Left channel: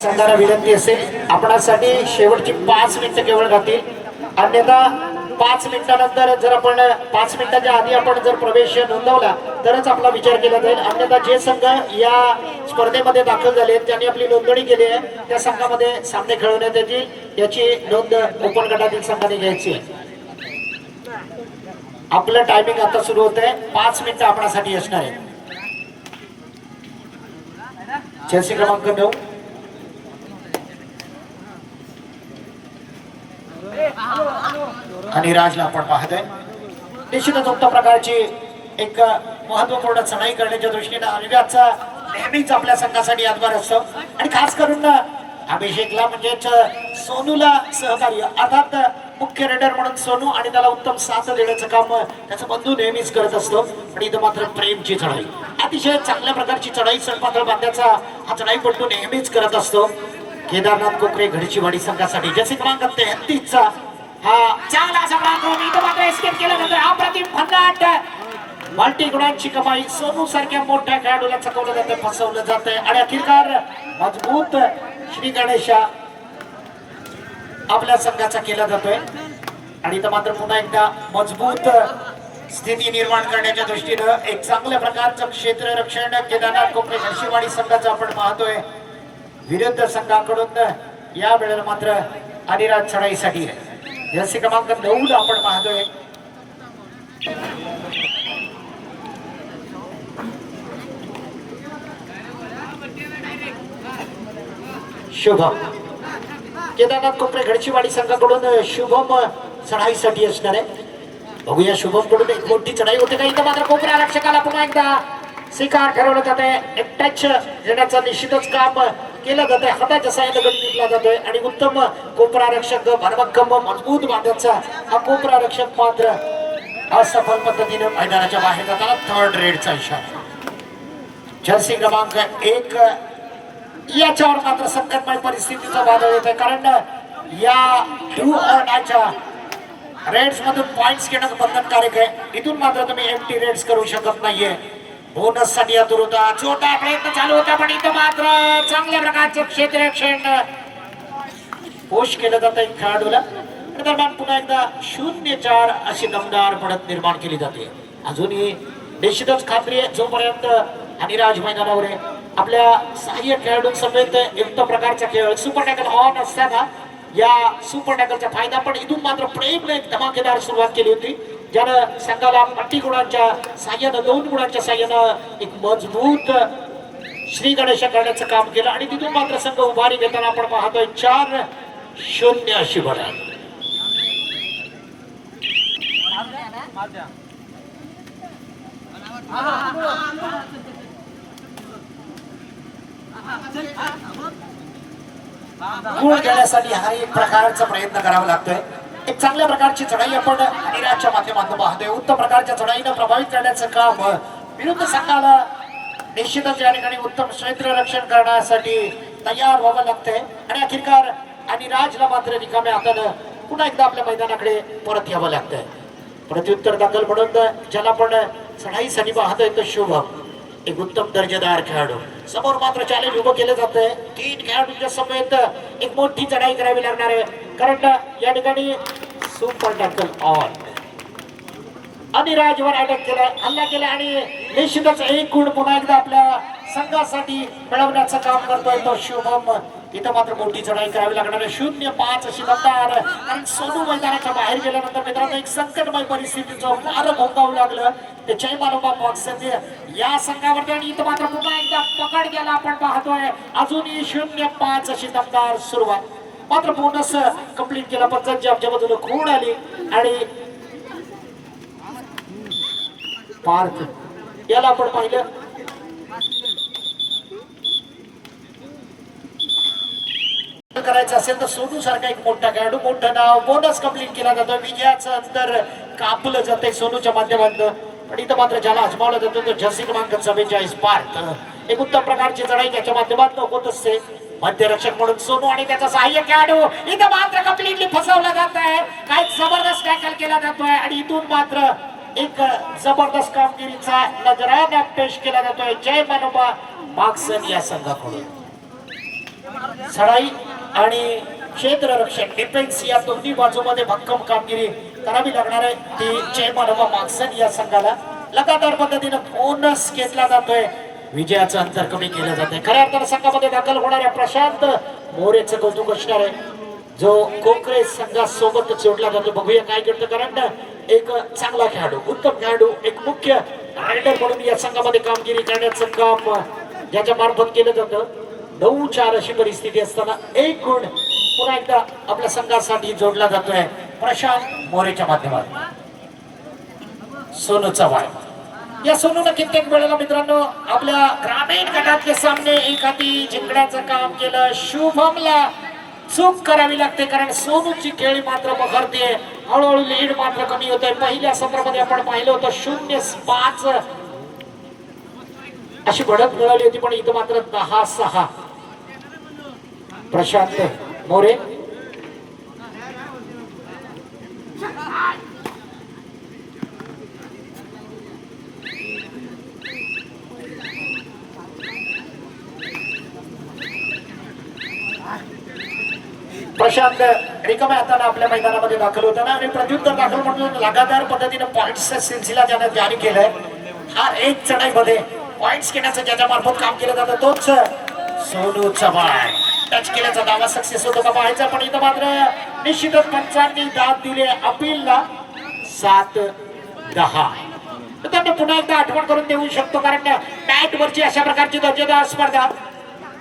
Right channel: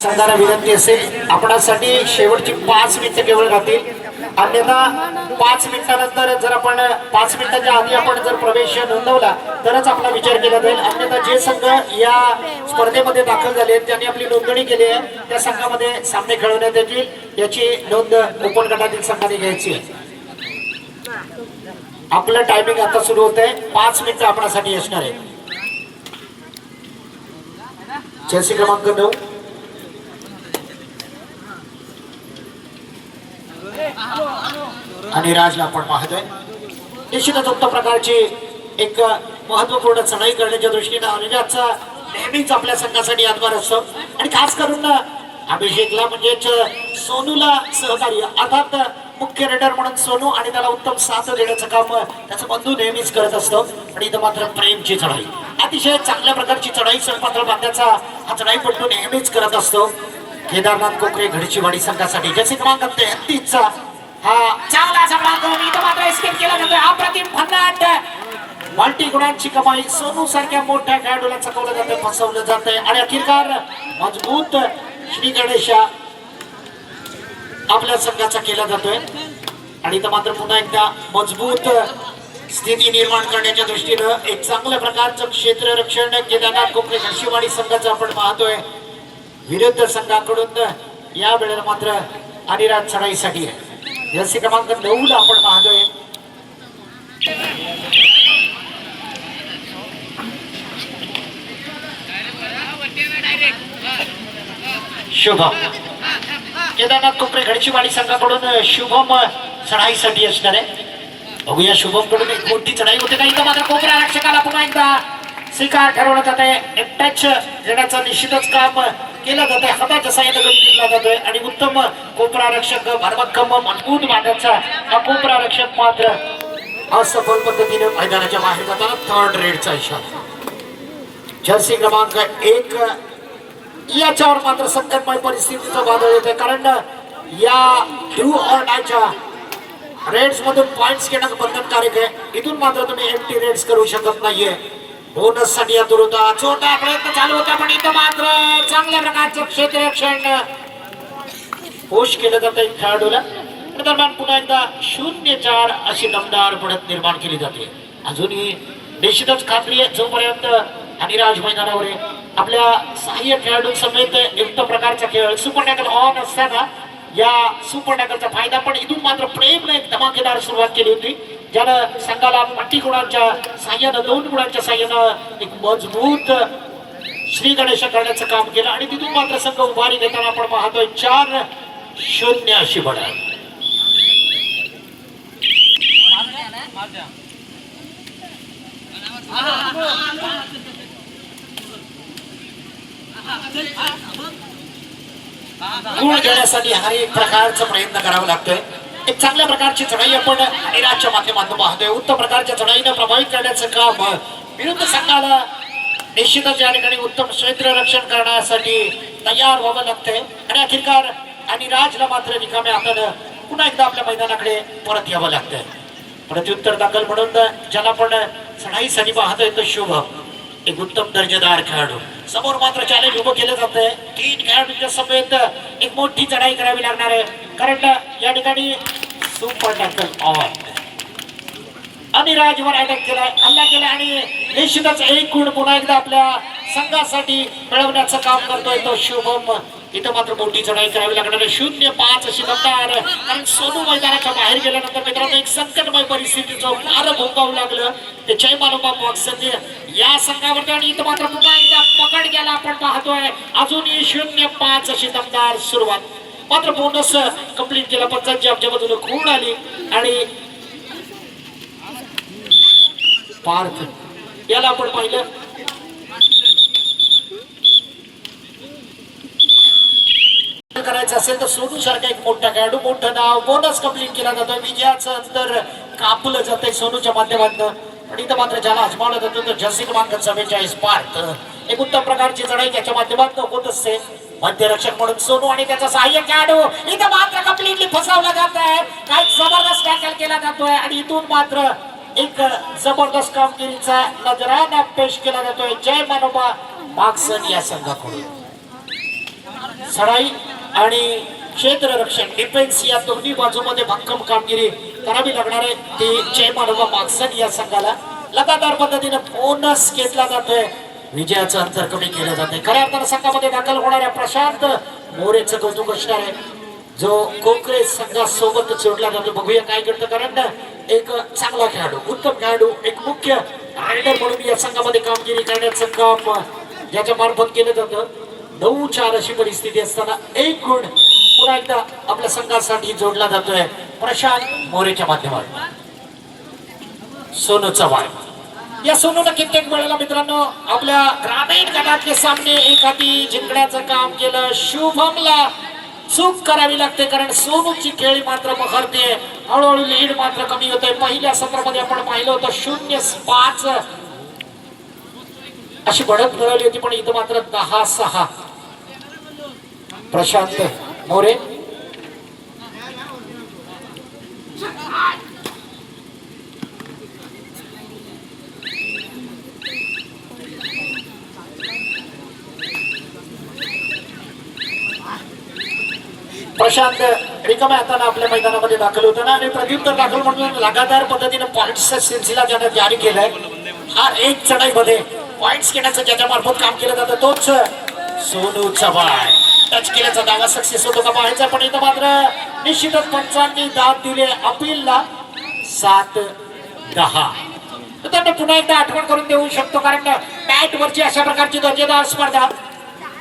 संघाला विनंती असेल आपणासाठी शेवटची 5 मिनिटं केवळ राहतील. अन्यथा 5 मिनिटानंतर जर आपण 5 मिनिटाच्या आधी आपण जर प्रवेश नोंदवला तरच आपला विचार केला जाईल. अन्यथा जे संघ या स्पर्धेमध्ये दाखल झाले त्यांनी आपली नोंदणी केली आहे त्या संघामध्ये सामने खेळवण्यात येतील याची नोंद ओपन गटातील संघाने घ्यायची आहे. आपलं टायमिंग आता सुरू होत आहे. 5 मिनिटं आपणासाठी असणार आहे. जर्सी क्रमांक 9 आणि राजला आपण पाहतोय. निश्चितच उत्तम प्रकारची एक महत्वपूर्ण चढाई करण्याच्या दृष्टीने अनिराजचा नेहमीच आपल्या संघासाठी आधार असतो आणि खास करून अभिषेकला म्हणजेच सोनूला सहकार्य अर्थात मुख्य रेडर म्हणून सोनू आणि त्याला उत्तम साथ देण्याचं काम त्याचा बंधू नेहमीच करत असतो. आणि इथं मात्र प्रेमची चढाई अतिशय चांगल्या प्रकारची चढाई सडपातळ बांधण्याचा हा चढाईपट्टू नेहमीच करत असतो. केदारनाथ कोकरे घडचीवाडी संघासाठी जसे क्रमांक 33 चा हा चांगला असा मार्ग इथं मात्र एस्केप केला जातोय. अप्रतिम भन्नाट मल्टी गुणांची कमाई सोनू सारख्या मोठ्या खेळाडूला चकवलं जातंय फसवलं जातंय आणि अखेरकार मजबूत श्री गणेशा आपल्या संघाचा केला जातोय. आणि इथं मात्र पुन्हा एकदा मजबूत स्थिती निर्माण करण्याच्या दृष्टीनं एक चांगल्या प्रकारचं क्षेत्ररक्षण केदारनाथ कोकरे घडचीवाडी संघाचं आपण पाहतोय. विरुद्ध संघाकडून या वेळेला मात्र अनिराज चढाईसाठी जर्सी क्रमांक 9 ला आपण पाहतोय. शुभम केदारनाथ कोपरे घडचीवाडी संघाकडून शुभम चढाईसाठी असणार आहे. बघूया शुभम कडून एक मोठी चढाई होते का. इथं मात्र कोपरा रक्षकाला पुन्हा एकदा स्वीकार ठरवलं जात आहे. एक टच देण्याचं निश्चितच काम केलं जात आहे. हाताच्या साह्याने गती घेतला जातोय आणि उत्तम कोपरा रक्षक भरभक्कम मजबूत बांधाचा हा कोपरा रक्षक मात्र असफल पद्धतीने मैदानाच्या बाहेर जाताना थर्ड रेडचा इशारा. जर्सी क्रमांक 1 याच्यावर मात्र संकटमय परिस्थितीचं वादळ येते कारण या डू ऑर डायच्या रेड्स मधून पॉइंट्स घेणं बंधनकारक आहे. इथून मात्र तुम्ही एम्प्टी रेड्स करू शकत नाहीये. बोनस साठी आतुर होता छोटा प्रयत्न चालू होता पण इथं मात्र चांगल्या प्रकारचं क्षेत्ररक्षण पोष केलं जातं एक खेळाडूला. दरम्यान पुन्हा एकदा 0-4 अशी दमदार पडत निर्माण केली जाते. अजूनही निश्चितच खात्री आहे जोपर्यंत अनिराज मैदानावर आहे आपल्या सहाय्यक खेळाडू समेत युक्त प्रकारचा खेळ सुपर टॅकल ऑन असताना या सुपर टॅकलचा फायदा पण इथून मात्र प्रेमने एक धमाकेदार सुरुवात केली होती ज्यानं संघाला 20 गुणांच्या साह्यानं 2 गुणांच्या साह्यानं एक मजबूत श्री गणेश करण्याचं काम केलं आणि तिथून मात्र संघ उभारी घेताना आपण पाहतोय 4-0 अशी बढत. गुण घेण्यासाठी हा एक प्रकारचा प्रयत्न करावा लागतोय. एक चांगल्या प्रकारची चढाई आपण अनिराजच्या माध्यमातून पाहतोय. उत्तम प्रकारच्या चढाईनं प्रभावित करण्याचं काम विरुद्ध संघाला निश्चितच या ठिकाणी उत्तम क्षेत्ररक्षण करण्यासाठी तयार व्हावं लागतंय आणि अखेरकार अनिराजला मात्र रिकाम्या हातानं पुन्हा एकदा आपल्या मैदानाकडे परत यावं लागतंय. प्रत्युत्तर दाखल म्हणून ज्याला आपण चढाईसाठी पाहतोय तो शुभम एक उत्तम दर्जेदार खेळाडू. समोर मात्र चॅलेंज उभं केलं जातंय. 3 खेळाडूंच्या समेत एक मोठी चढाई करावी लागणार आहे कारण या ठिकाणी सुपर टॅकल ऑन अनिराजवर अटॅक केलाय हल्ला केला आणि निश्चितच एक गुण पुन्हा एकदा आपल्या संघासाठी मिळवण्याचं काम करतोय तो शुभम. इथं मात्र मोठी चढाई करावी लागणार आहे. 0-5 अशी दमदार कारण सोनू मैदानाच्या बाहेर गेल्यानंतर मित्रांनो एक संकटमय परिस्थितीचं मार भोगावं लागलं ते जय मालोबा बॉक्स या संघावरती आणि इथं मात्र पुन्हा एकदा पकड गेला आपण पाहतोय. अजूनही 0-5 अशी दमदार सुरुवात मात्र बोनस कंप्लीट केला. पंचांची आमच्या बाजूने खूण आली आणि पार्थ याला आपण पाहिलं करायचं असेल तर सोनू सारखा एक मोठा खेळाडू मोठं नाव बोनस कंप्लीट केला जातो. विजयाचं अंतर कापलं जातंय सोनूच्या माध्यमातून आणि इथं मात्र ज्याला आजमावलं जातं तो जर्सी क्रमांक 44 पार्थ एक उत्तम प्रकारची चढाई त्याच्या माध्यमातून होत असते. मध्यरक्षक म्हणून सोनू आणि त्याचा सहाय्यक खेळाडू इथं मात्र कंप्लीटली फसवला जात आहे. काही जबरदस्त टॅकल केला जातोय आणि इथून मात्र एक जबरदस्त कामगिरीचा नजराना पेश केला जातोय जय मानोबा मागसन या संघाकडून. सराई आणि क्षेत्ररक्षण डिफेन्स या दोन्ही बाजूमध्ये भक्कम कामगिरी करावी लागणार आहे ती जय मानोबा मागसन या संघाला लगातार पद्धतीने बोनस घेतला जातोय विजयाचं अंतर कमी केलं जात आहे खऱ्या अर्थानं संघामध्ये दाखल होणाऱ्या प्रशांत मोरेचं कौतुक असणार आहे जो कोकरे संघासोबत जोडला जातो बघूया काय करतं कारण एक चांगला खेळाडू उत्तम खेळाडू एक मुख्य रायडर म्हणून या संघामध्ये कामगिरी करण्याचं काम ज्याच्या मार्फत केलं जातं 9-4 अशी परिस्थिती असताना एक गुण पुन्हा एकदा आपल्या संघासाठी जोडला जातोय प्रशांत मोरेच्या माध्यमातून सोनू चव्हाण या सोनूनं कित्येक वेळेला मित्रांनो आपल्या ग्रामीण गटातले सामने एखादी जिंकण्याचं काम केलं शुभमला चूक करावी लागते कारण सोनूची खेळी मात्र बहरते हळूहळू लीड मात्र कमी होते पहिल्या सत्रामध्ये आपण पाहिलं होतं 0-5 अशी बढत मिळाली होती पण इथं मात्र 10-6 प्रशांत मोरे प्रशांत रिकाम्या हाताने आपल्या मैदानामध्ये दाखल होताना आणि प्रत्युत्तर दाखल म्हणून लगातार पद्धतीने पॉइंट्सचा सिलसिला ज्याने जारी केलाय हा एक चढाईमध्ये पॉइंट्स घेण्याचं ज्याच्या मार्फत काम केलं जातं तोच सोनू चव्हाण टच केल्याचा दावा सक्सेस होतो का पाहायचा पण इथं मात्र निश्चितच पंचांनी दाद दिले अपीलला 7-10 त्यांना पुन्हा एकदा आठवण करून देऊ शकतो कारण मॅट वरची अशा प्रकारची दर्जेदार स्पर्धा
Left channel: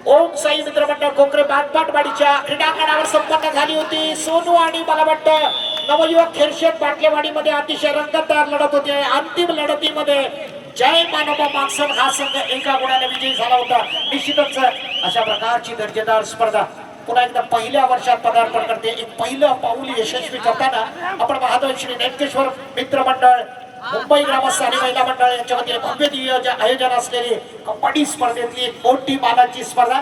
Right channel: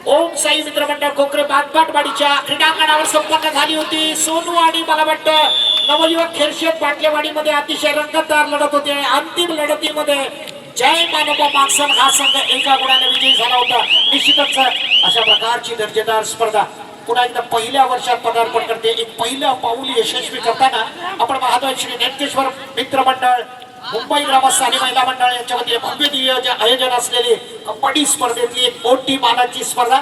ओम साई मित्रमंडळ कोकरे बाटबाटवाडीच्या क्रीडांगणावर संपन्न झाली होती सोनू आणि मला वाटतं नवयुवक खेरशेत बाटलेवाडीमध्ये अतिशय रंगतदार लढत होते अंतिम लढतीमध्ये जय मानोबा मागसन हा संघ एका गुणाने विजयी झाला होता निश्चितच अशा प्रकारची दर्जेदार स्पर्धा पुन्हा एकदा पहिल्या वर्षात पदार्पण करते एक पहिलं पाऊल यशस्वी करताना आपण पाहतोय श्री नेमकेश्वर मित्रमंडळ मुंबई ग्रामस्थ आणि महिला मंडळ यांच्या वतीने भव्य दिव्य आयोजन असलेली कबड्डी स्पर्धेतली एक मोठी मानाची स्पर्धा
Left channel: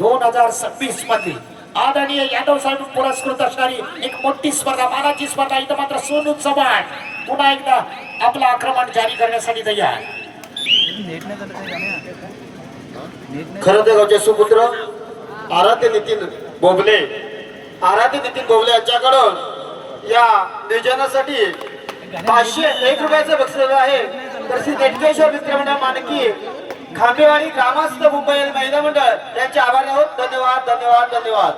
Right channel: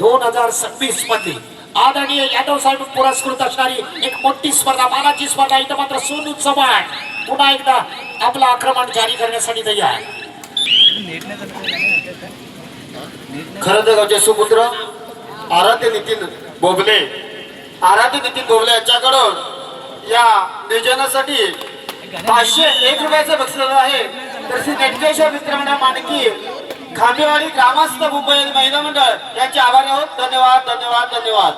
2026 मधली आदरणीय यादव साहेब पुरस्कृत असणारी एक मोठी स्पर्धा मानाची स्पर्धा इथं मात्र सोनू चव्हाण पुन्हा एकदा आपलं आक्रमण जारी करण्यासाठी तयार खरं तर गावचे सुपुत्र आराध्य नितीन बोबले यांच्याकडून या नियोजनासाठी 501 रुपयाचं बक्षीस आहे तर श्री नेटकेश्वर मित्रमंडळ मानकी खांबेवाडी ग्रामस्थ मुंबई महिला मंडळ यांचे आभार आहोत धन्यवाद धन्यवाद धन्यवाद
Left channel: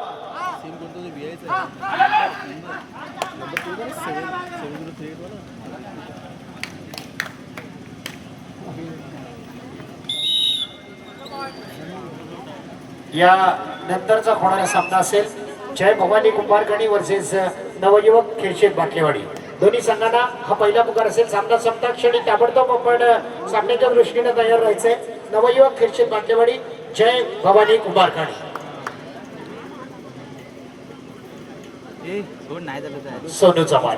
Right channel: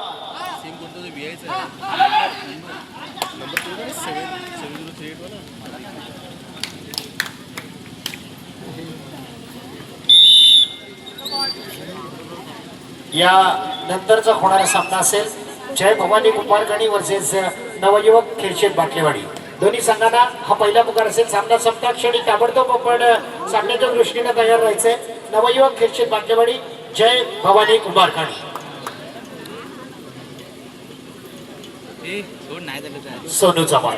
या नंतरचा होणारा सामना असेल जय भवानी कुंभारगणी वर्सेस नवयुवक खेळशेत बाटलेवाडी दोन्ही संघांना हा पहिला पुकार असेल सामना संपता क्षणी ताबडतोब आपण सामन्याच्या दृष्टीने तयार राहायचंय नवयुवक खेळशेत बाटलेवाडी जय भवानी कुंभारगणी सोनू चव्हाण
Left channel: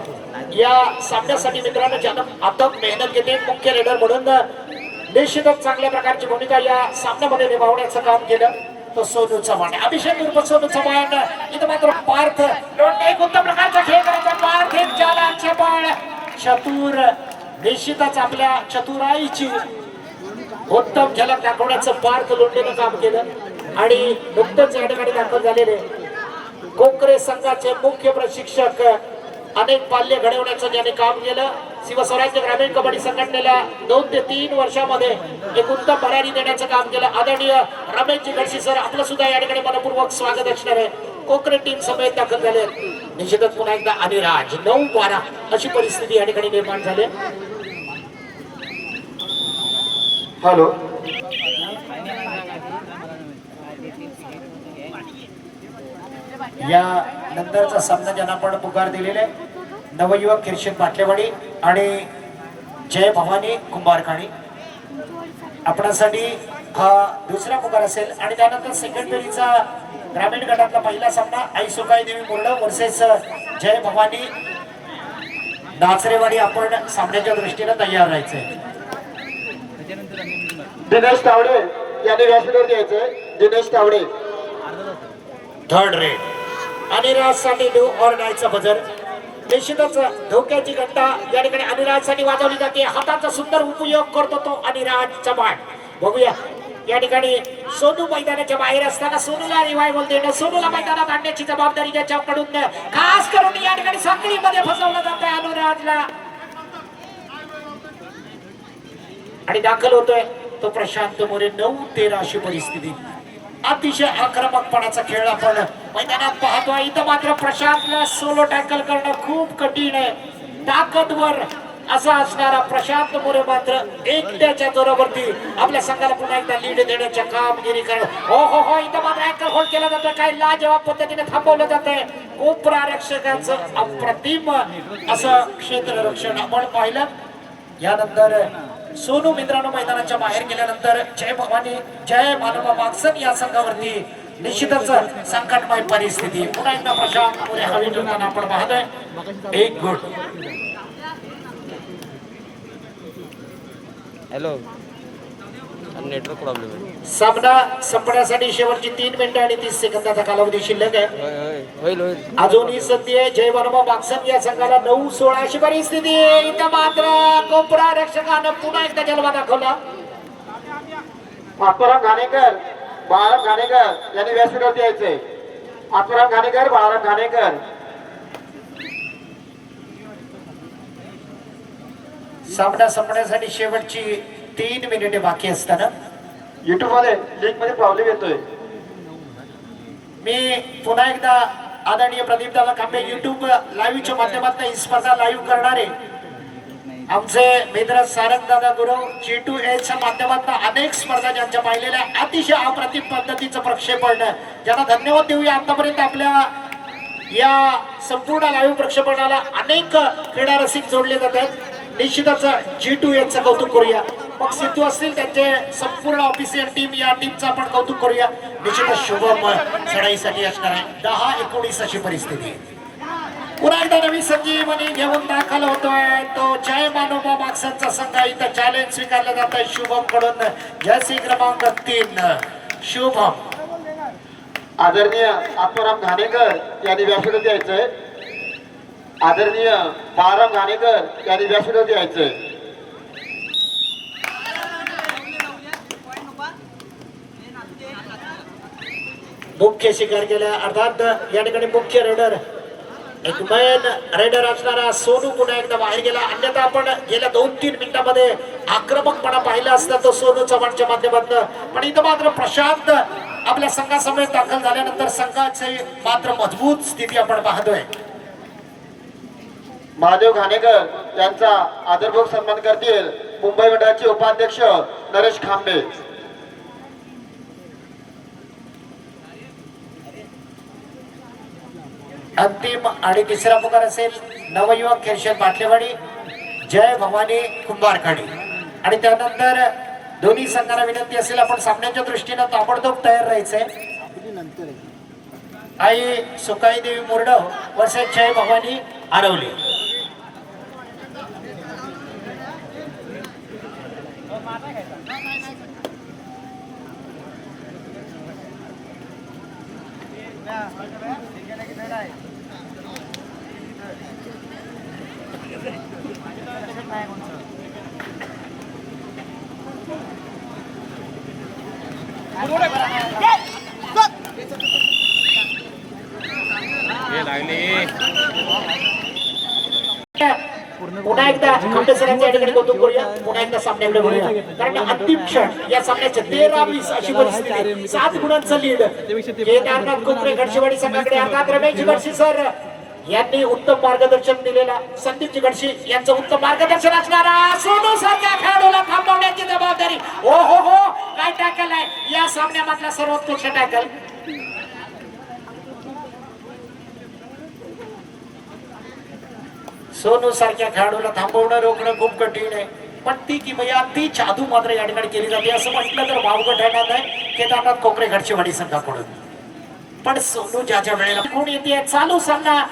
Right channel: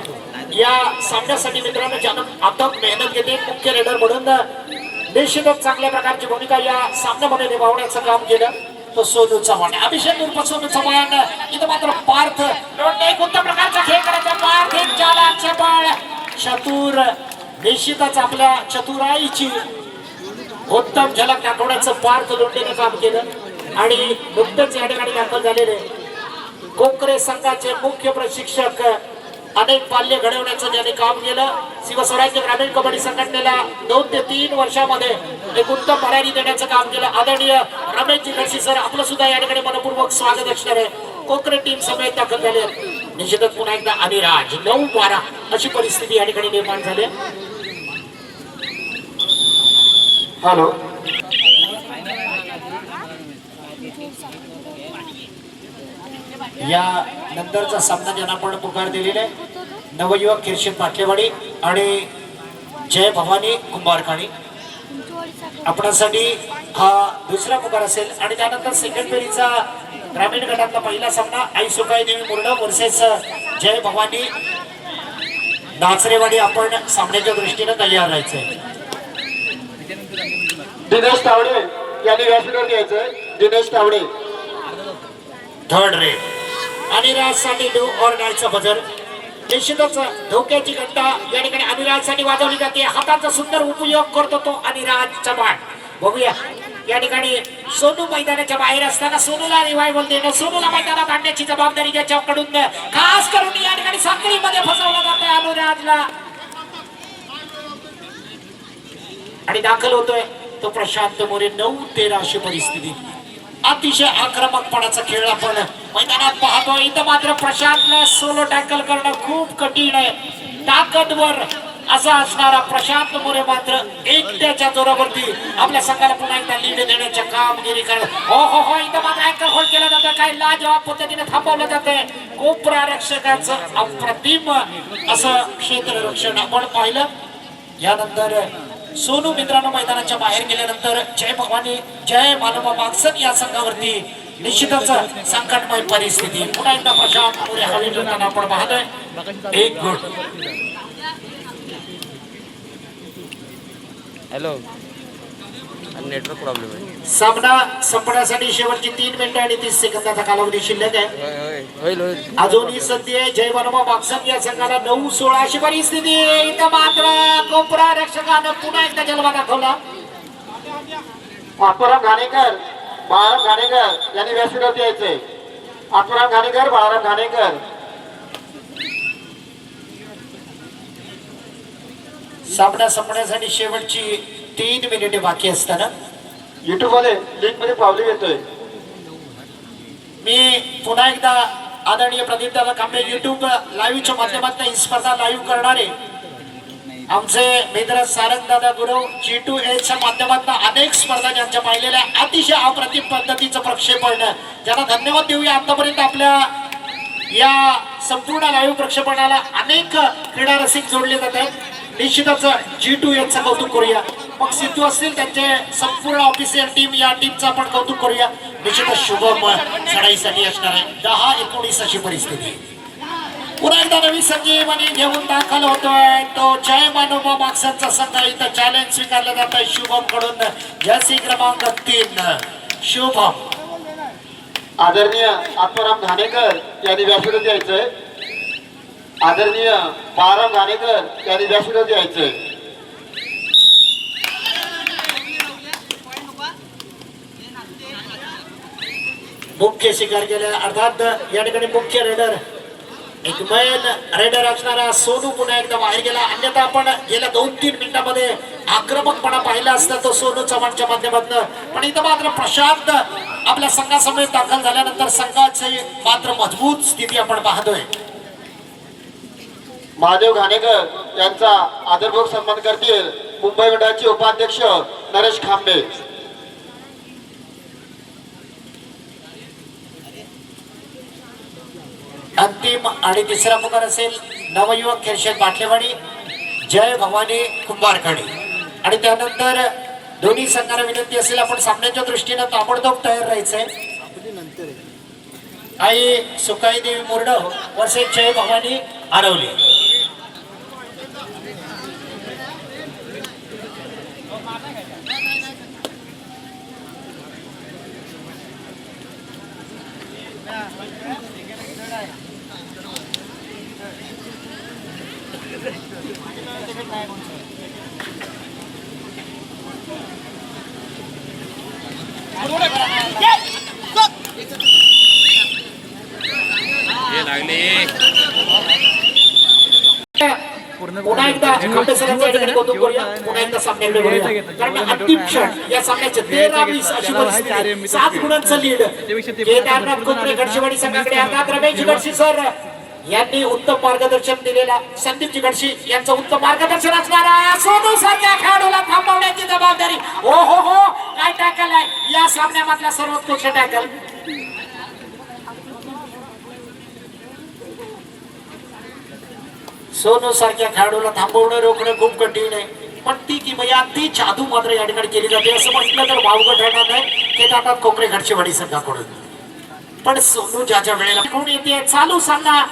या सामन्यासाठी मित्रांनो ज्यानं अथक मेहनत घेते मुख्य रेडर म्हणून निश्चितच चांगल्या प्रकारची भूमिका या सामन्यामध्ये निभावण्याचं काम केलं तो सोनू चव्हाण अभिषेक उर्फ सोनू चव्हाण इथं मात्र पार्थ लोटणे एक उत्तम प्रकारचा खेळ करायचा पार्थ एक जालाचे बाळ चतुर निश्चितच आपल्या चतुराईची उत्तम झलक दाखवण्याचं पार्थ लोटणेनं काम केलं आणि नुकतंच या ठिकाणी दाखल झालेले कोकरे संघाचे मुख्य प्रशिक्षक अनेक पाल्य घडवण्याचं ज्याने काम केलं शिवस्वराज्य ग्रामीण कबड्डी संघटनेला 2 ते 3 वर्षामध्ये एक उत्तम भरारी देण्याचं काम केलं आदरणीय रमेशजी घडशी सर आपलं सुद्धा या ठिकाणी मनपूर्वक स्वागत असणार आहे कोकरे टीम समेत दाखल झाले निश्चितच पुन्हा एकदा अनिराज 9-12 अशी परिस्थिती या ठिकाणी निर्माण झाली हॅलो या नंतरचा सामना ज्यांना आपण पुकार दिलेला आहे नवयुवक खेरशेत बाटलेवाडी आणि जय भवानी कुंभारखाणी आपणासाठी हा दुसरा पुकार असेल आणि त्यानंतर सेकंड फेरीचा ग्रामीण गटातला पहिला सामना आई सुकाई देवी मुरड वर्सेस जय भवानी नाचरेवाडी आपण सामन्याच्या दृष्टीने तयार राहायचंय दिनेश तावडे यांनी व्यासपीठावर घ्यायचंय दिनेश तावडे थर्ड रेड अनिराजसाठी डू ऑर डायचा बजर निश्चितच धोक्याची घंटा या ठिकाणी अनिराजसाठी वाजवली जाते हाताचा सुंदर उपयोग करतो तो अनिराज चव्हाण बघूया या ठिकाणी सोनू मैदानाच्या बाहेर असताना सोनूला रिवायवल देणं, सोनूला मैदानात आणण्याची जबाबदारी ज्याच्याकडून खास करून या ठिकाणी साखळीमध्ये फसवलं जाते अनुराजला आणि दाखल होतोय तो प्रशांत मोरे. 9-13 अशी परिस्थिती. अतिशय आक्रमकपणाचा खेळ आपण मैदानात पाहतोय. इथं मात्र प्रशांतला सोलो टॅकल करणं खूप कठीण आहे. ताकदवर असा असणारा प्रशांत मोरे मात्र एकट्याच्या जोरावरती आपल्या संघाला पुन्हा एकदा लीड देण्याच्या कामगिरी करत. हो इथं मात्र ऍक्टर होल्ड केला जातं. काय लाजवाब पद्धतीने थांबवलं जातंय. कोपरा रक्षकाचं अप्रतिम असं क्षेत्ररक्षण आपण पाहिलं. यानंतर सोनू मित्रांनो मैदानाच्या बाहेर गेल्यानंतर जय भवानी जय मानवा मागसन या संघावरती निश्चितच संकटमय परिस्थिती. पुन्हा एकदा प्रशांत मोरे हवी ठेवताना आपण पाहतोय. एक गुण. हॅलो, नेटवर्क प्रॉब्लेम आहे. सामना संपण्यासाठी शेवटची 3 मिनिटं आणि 30 सेकंदाचा कालावधी शिल्लक आहे. होईल. अजूनही संधी आहे जय वनवा मागसन या संघाला 9-16 अशी परिस्थिती. इथं मात्र कोपरा रक्षकानं पुन्हा एकदा जलवा दाखवला. आत्माराम घाणेकर, बाळाराम घाणेकर यांनी व्यासपीठावरती यायचंय. आत्माराम घाणेकर, बाळाराम घाणेकर. सामना संपण्यासाठी शेवटची 3 मिनिटे बाकी असताना युट्यूब मध्ये लिंक मध्ये प्रॉब्लेम येतोय. मी पुन्हा एकदा आदरणीय प्रदीप दादा कांबे युट्यूब लाईव्हच्या माध्यमातून ही स्पर्धा लाईव्ह करणारे आमचे मित्र सारंग दादा गुरव G2H च्या माध्यमातून अनेक स्पर्धा ज्यांच्या पाहिलेल्या अतिशय अप्रतिम पद्धतीचं प्रक्षेपण, ज्यांना धन्यवाद देऊया. आतापर्यंत आपल्या या संपूर्ण लाईव्ह प्रक्षेपणाला अनेक क्रीडा रसिक जोडले जातात. निश्चितच G2H चं कौतुक करूया. मग सिद्धू असतील त्यांचे संपूर्ण ऑफिशियल टीम, या टीमचं आपण कौतुक करूया. निश्चितच शुभम चढाईसाठी असणार आहे. 10-19 अशी परिस्थिती. पुन्हा एकदा नवी संजीवनी घेऊन दाखल होतोय तो जय मानोबा मागसनचा संघ. इथं चॅलेंज स्वीकारलं जात आहे शुभम कडून. जर्सी क्रमांक 3 शुभम. आदरणीय आत्माराम घाणेकर यांनी व्यासपीठावरती यायचंय. आदरणीय बाळाराम घाणेकर यांनी व्यासपीठावरती यायचंय. मुख्य शिकार केल्या अर्थात या ठिकाणी मुख्य रेडर एक मैन रेडर असणारा सोनू पुन्हा एकदा बाहेर गेला. अन्यथा आपण गेल्या 2-3 मिनिटांमध्ये आक्रमकपणा पाहिला असता तो सोनू चव्हाणच्या माध्यमातून. पण इथं मात्र प्रशांत आपल्या संघासमोर दाखल झाल्यानंतर संघाची मात्र मजबूत स्थिती आपण पाहतोय. महादेव घाणेकर यांचा आदरपूर्वक सन्मान करतील मुंबई मंडळाचे उपाध्यक्ष नरेश खांबे. अंतिम आणि तिसरा पुकार असेल नवयुवक खेळशेत बाटलेवाडी जय भवानी कुंभारखाडी. आणि त्यानंतर दोन्ही संघांना विनंती असेल आपण सामन्याच्या दृष्टीनं ताबडतोब तयार राहायचंय. आई सुकाई देवी मोरडव वर्षे जय भवानी आरवली. पुन्हा एकदा खांबे सरांच्या ठिकाणी कौतुक करूया. पुन्हा एकदा सामन्याकडे वळूया. कारण अंतिम क्षण या सामन्याचे 13-20 अशी परिस्थिती. 7 गुणांचं लीड केदारनाथ कोपरे गडचिवाडी संघाकडे. अर्थात रमेश गडशी सर यांनी उत्तम मार्गदर्शन दिलेला संदीप गडशी यांचं उत्तम मार्गदर्शन असणारा सोनू सारख्या खेळाडूला थांबवण्याची जबाबदारी. हो काय टॅकल आहे या सामन्यामधला सर्वोत्कृष्ट टॅकल. सोनू सारख्या खेळाडूला थांबवणं रोखणं खूप कठीण आहे. पण ती किमया ती जादू मात्र या ठिकाणी केली जाते असं म्हटलं तर वावगं ठरणार नाही. केदारनाथ कोकरे घडचेवाडी संघाकडून. पण सोनू ज्या वेळेला कोण येते चालू सामना